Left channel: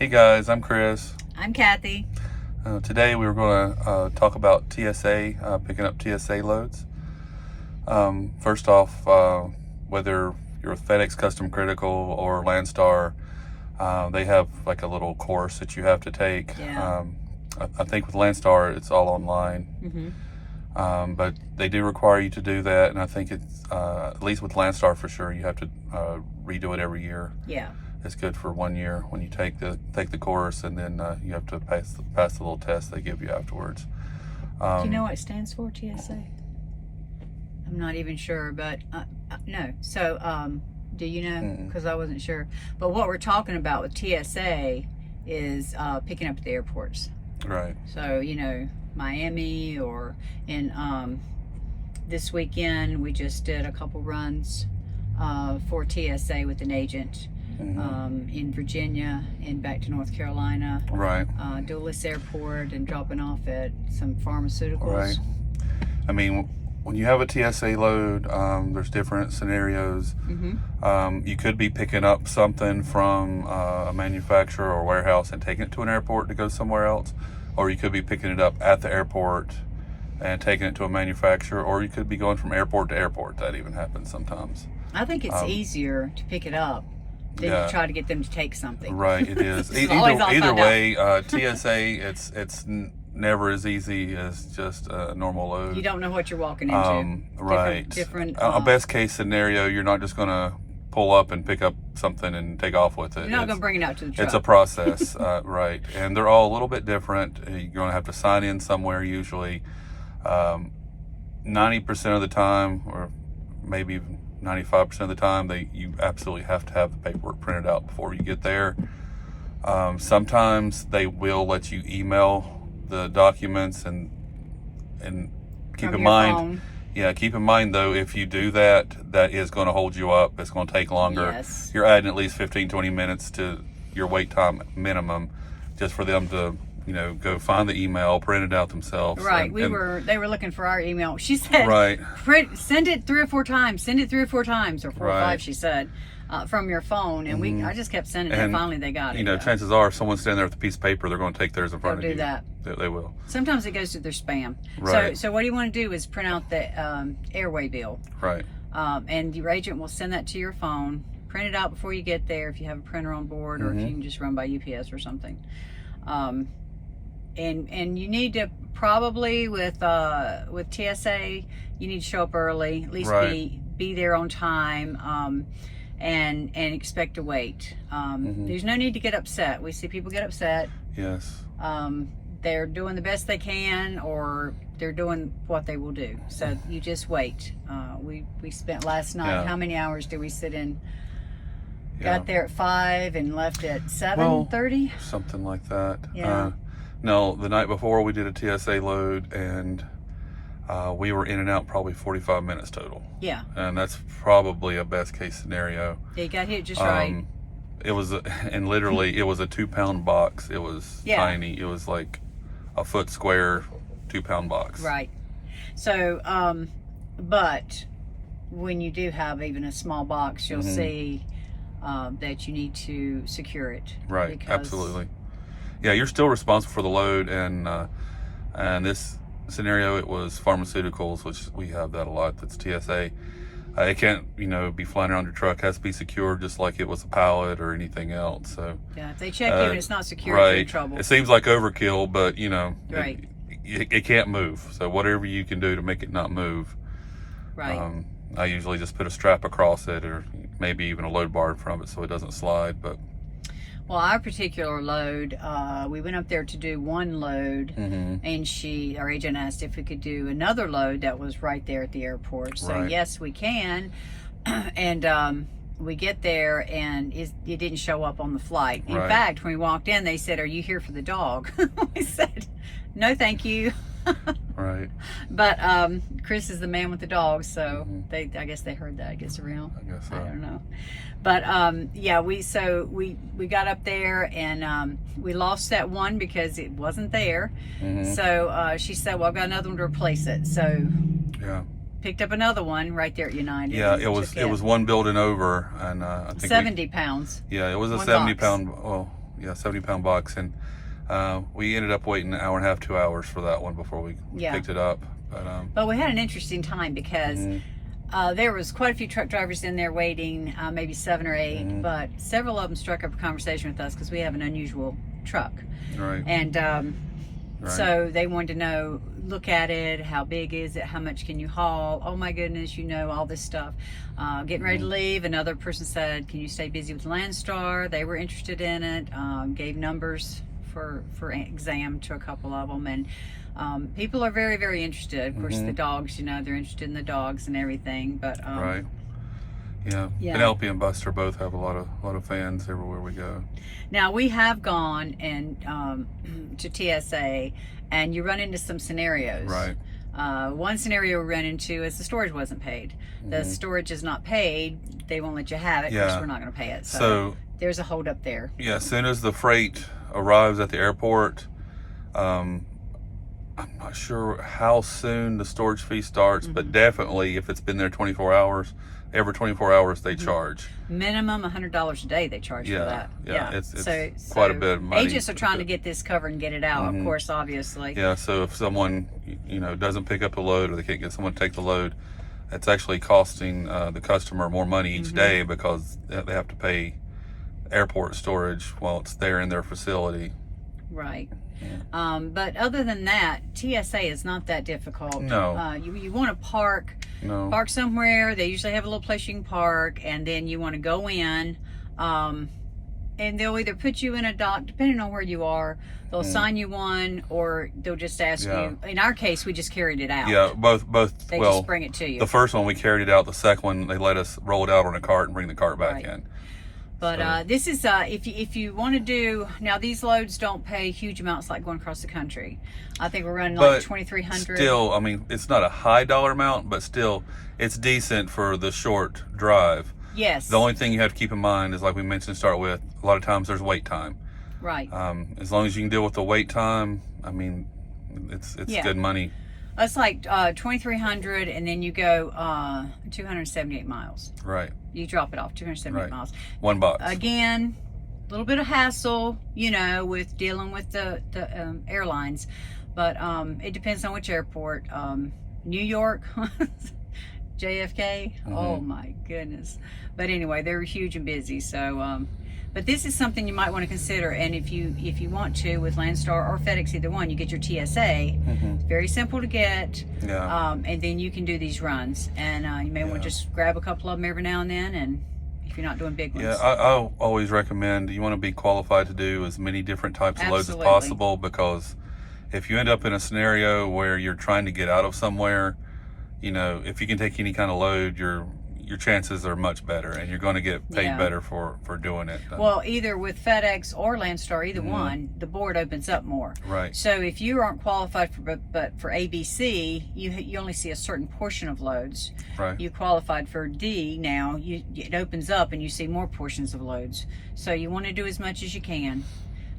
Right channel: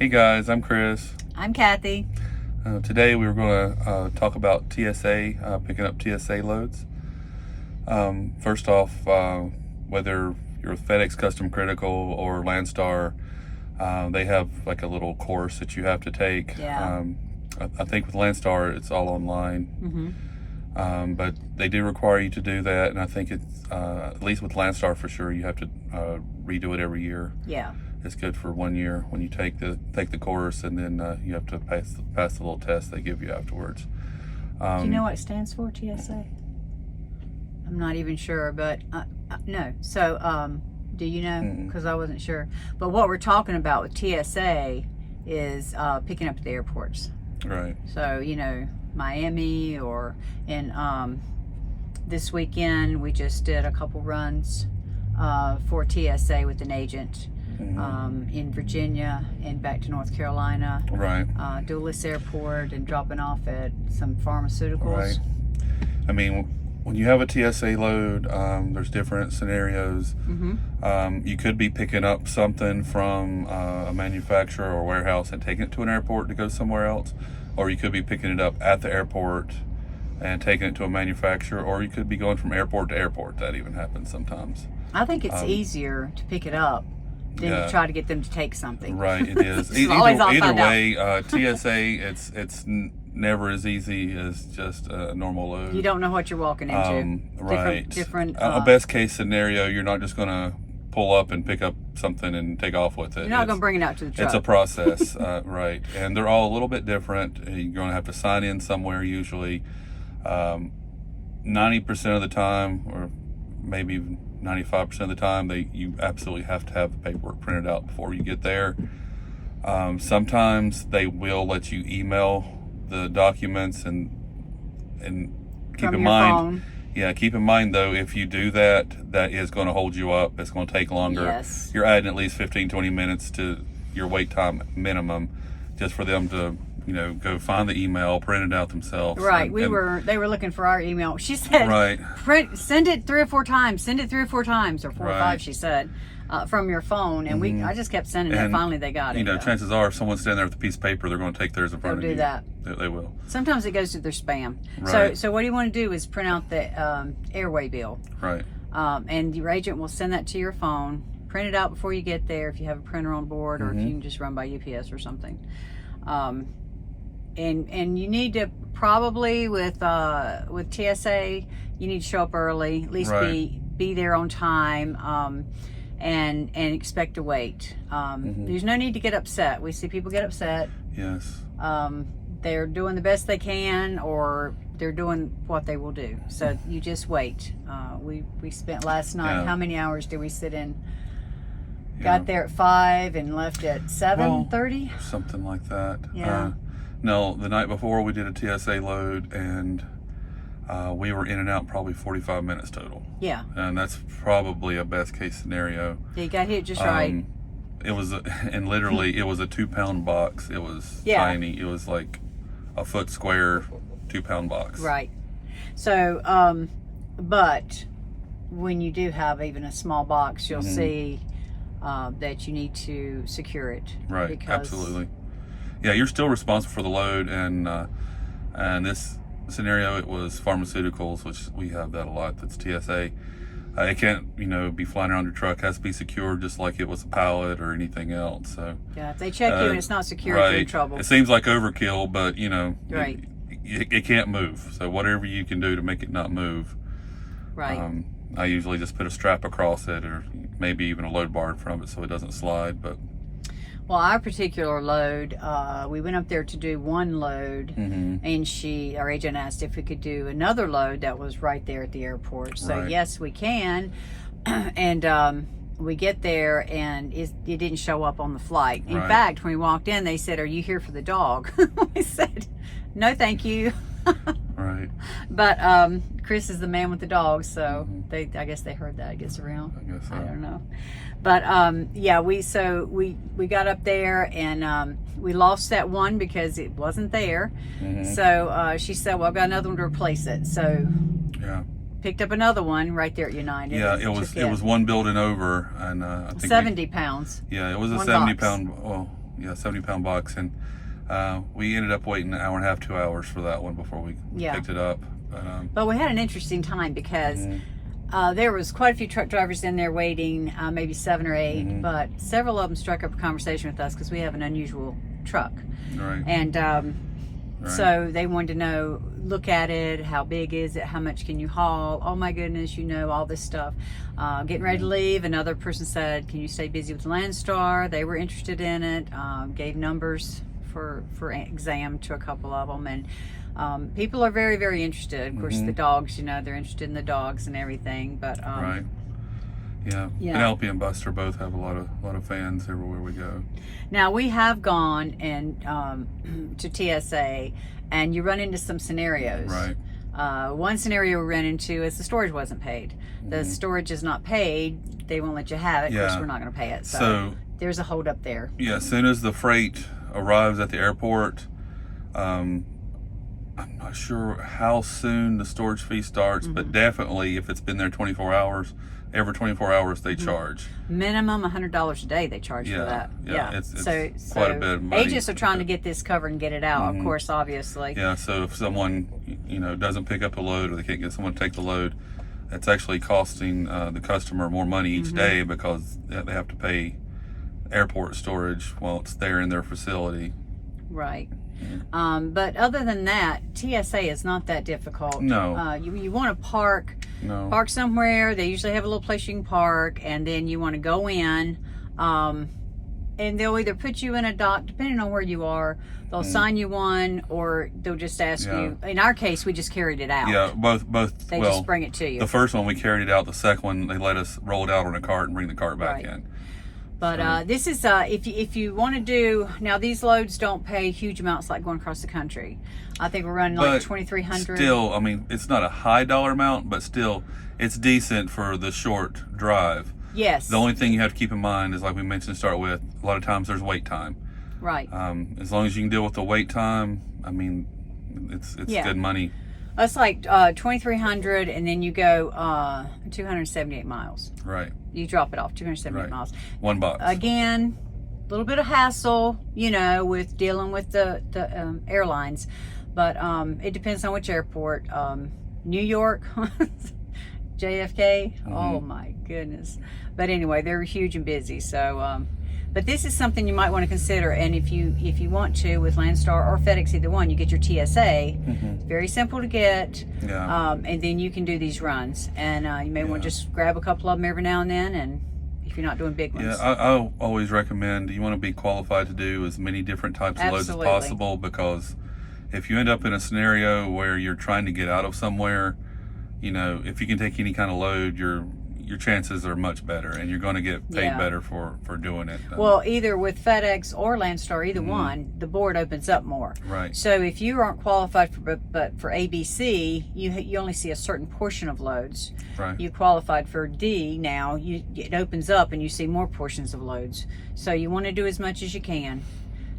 Hey guys, I'm Chris. I'm Kathy. Today we were going to talk about TSA, picking up TSA loads. First off, whether you're with FedEx Custom Critical or Landstar, they have like a little course that you have to take. Yeah. I think with Landstar it's all online, but they do require you to do that, and I think it's at least with Landstar for sure you have to redo it every year. Yeah. It's good for 1 year when you take the course, and then you have to pass the little test they give you afterwards. Do you know what it stands for, TSA? I'm not even sure, but no. So, do you know? Because I wasn't sure. But what we're talking about with TSA is picking up at the airports. Right. So, Miami or in this weekend we just did a couple runs for TSA with an agent. In Virginia and back to North Carolina. Right. Dulles Airport and dropping off at some pharmaceuticals. Right. I mean, when you have a TSA load, there's different scenarios. You could be picking up something from a manufacturer or warehouse and taking it to an airport to go somewhere else, or you could be picking it up at the airport and taking it to a manufacturer, or you could be going from airport to airport. That even happens sometimes. I think it's easier to pick it up than to try to get them to take something. Right, it is. Either way, TSA, it's never as easy as just a normal load. You don't know what you're walking into. Right. Different. A best case scenario, you're not just going to pull up and pick up something and take off with it. You're not going to bring it out to the truck. It's a process, right. And they're all a little bit different. You're going to have to sign in somewhere usually. 90% of the time, or maybe even 95% of the time, you absolutely have to have the paperwork printed out before you get there. Sometimes they will let you email the documents, and keep in mind, keep in mind though, if you do that is going to hold you up. It's going to take longer. Yes. You're adding at least 15-20 minutes to your wait time minimum, just for them to go find the email, print it out themselves. Right. They were looking for our email. She said, right, send it 3 or 4 times. Send it 3 or 4 times, or 4 or 5, she said, from your phone. And I just kept sending it. Finally, they got it. Chances are, if someone's standing there with a piece of paper, they're going to take theirs in front of you. They'll do that. They will. Sometimes it goes to their spam. Right. So what you want to do is print out the airway bill. Right. And your agent will send that to your phone. Print it out before you get there if you have a printer on board, or if you can just run by UPS or something. And you need to probably with TSA, you need to show up early, at least be there on time, and expect to wait. There's no need to get upset. We see people get upset. Yes. They're doing the best they can, or they're doing what they will do. So you just wait. We spent last night, how many hours did we sit in? Got there at 5 and left at 7:30? Something like that. Yeah. No, the night before we did a TSA load, and we were in and out probably 45 minutes total. Yeah. And that's probably a best case scenario. Yeah, you got hit just right. It was, and literally it was a 2-pound box. It was tiny. It was like a foot square, 2-pound box. Right. So, but when you do have even a small box, you'll see that you need to secure it. Right. Absolutely. Yeah, you're still responsible for the load, and this scenario, it was pharmaceuticals, which we have that a lot. That's TSA. It can't, be flying around your truck. It has to be secured, just like it was a pallet or anything else. So yeah, if they check in and it's not secure, you're in trouble. It seems like overkill, but right. it can't move. So whatever you can do to make it not move. Right. I usually just put a strap across it, or maybe even a load bar in front of it so it doesn't slide. But well, our particular load, we went up there to do one load, and our agent asked if we could do another load that was right there at the airport. So yes, we can. And we get there, and it didn't show up on the flight. In fact, when we walked in, they said, "Are you here for the dog?" We said, "No, thank you." Right. But Chris is the man with the dog, so I guess they heard that. It gets around. I guess so. I don't know. But yeah, we got up there, and we lost that one because it wasn't there. So she said, "Well, I've got another one to replace it." So picked up another one right there at United. Yeah, it was one building over, and I think 70 pounds. Yeah, it was a one 70 box. pound. Well, 70-pound box, and we ended up waiting an hour and a half, 2 hours for that one before we picked it up. But we had an interesting time because there was quite a few truck drivers in there waiting, maybe 7 or 8, but several of them struck up a conversation with us because we have an unusual truck. Right. And so they wanted to know, look at it, how big is it, how much can you haul, oh my goodness, all this stuff. Getting ready to leave, another person said, can you stay busy with Landstar? They were interested in it, gave numbers for exam to a couple of them, and people are very, very interested. Of course, the dogs, they're interested in the dogs and everything. But right, yeah. Penelope and Buster both have a lot of fans everywhere we go. Now we have gone and to TSA, and you run into some scenarios. Right. One scenario we ran into is the storage wasn't paid. The storage is not paid. They won't let you have it because we're not going to pay it. So there's a hold up there. Yeah. As soon as the freight arrives at the airport, I'm not sure how soon the storage fee starts, but definitely if it's been there 24 hours, every 24 hours they charge. Minimum $100 a day they charge for that. Yeah, it's quite a bit of money. Agents are trying to get this covered and get it out, of course, obviously. Yeah, so if someone, doesn't pick up the load, or they can't get someone to take the load, it's actually costing the customer more money each day because they have to pay airport storage while it's there in their facility. Right. But other than that, TSA is not that difficult. No. You want to park somewhere. They usually have a little place you can park, and then you want to go in, and they'll either put you in a dock, depending on where you are. They'll assign you one, or they'll just ask you. In our case, we just carried it out. Yeah, both. They just bring it to you. The first one we carried it out. The second one they let us roll it out on a cart and bring the cart back in. But this is if you want to do, now these loads don't pay huge amounts like going across the country. I think we're running like $2,300. Still, I mean, it's not a high dollar amount, but still, it's decent for the short drive. Yes. The only thing you have to keep in mind is, like we mentioned to start with, a lot of times there's wait time. Right. As long as you can deal with the wait time, I mean, it's good money. It's like 2,300, and then you go 278 miles. Right. You drop it off 278 miles. One box. Again, a little bit of hassle, with dealing with the airlines, but it depends on which airport. New York, JFK. Oh my goodness. But anyway, they're huge and busy. So, but this is something you might want to consider. And if you want to, with Landstar or FedEx, either one, you get your TSA. It's very simple to get. Yeah. And then you can do these runs. And you may want to just grab a couple of them every now and then, and if you're not doing big ones. Yeah, I always recommend you want to be qualified to do as many different types of loads as possible, because if you end up in a scenario where you're trying to get out of somewhere, if you can take any kind of load, your chances are much better, and you're going to get paid better for doing it. Well, either with FedEx or Landstar, either one, the board opens up more. Right. So if you aren't qualified for ABC, you only see a certain portion of loads. Right. You qualified for D now, it opens up and you see more portions of loads. So you want to do as much as you can.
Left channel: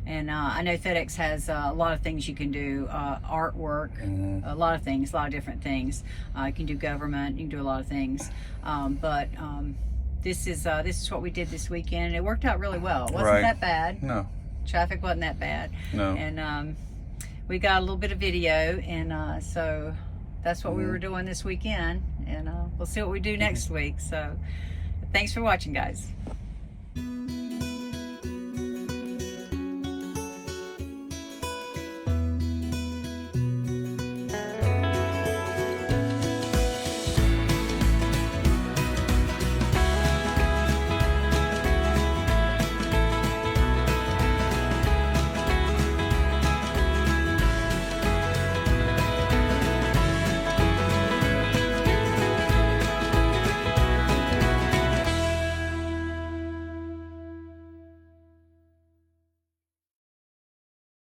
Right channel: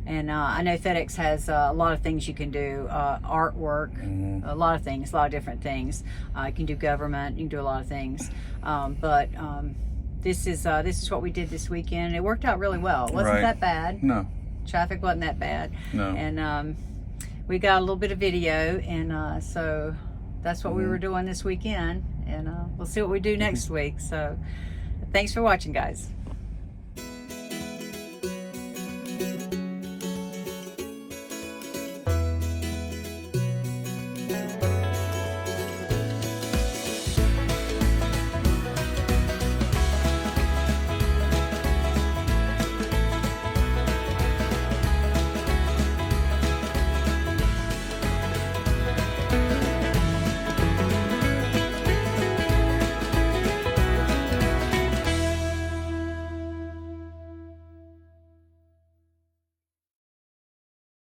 And I know FedEx has a lot of things you can do, artwork, a lot of things, a lot of different things. You can do government, you can do a lot of things. But this is what we did this weekend. It worked out really well. It wasn't that bad. No. Traffic wasn't that bad. No. And we got a little bit of video, and so that's what we were doing this weekend. And we'll see what we do next week. So thanks for watching, guys.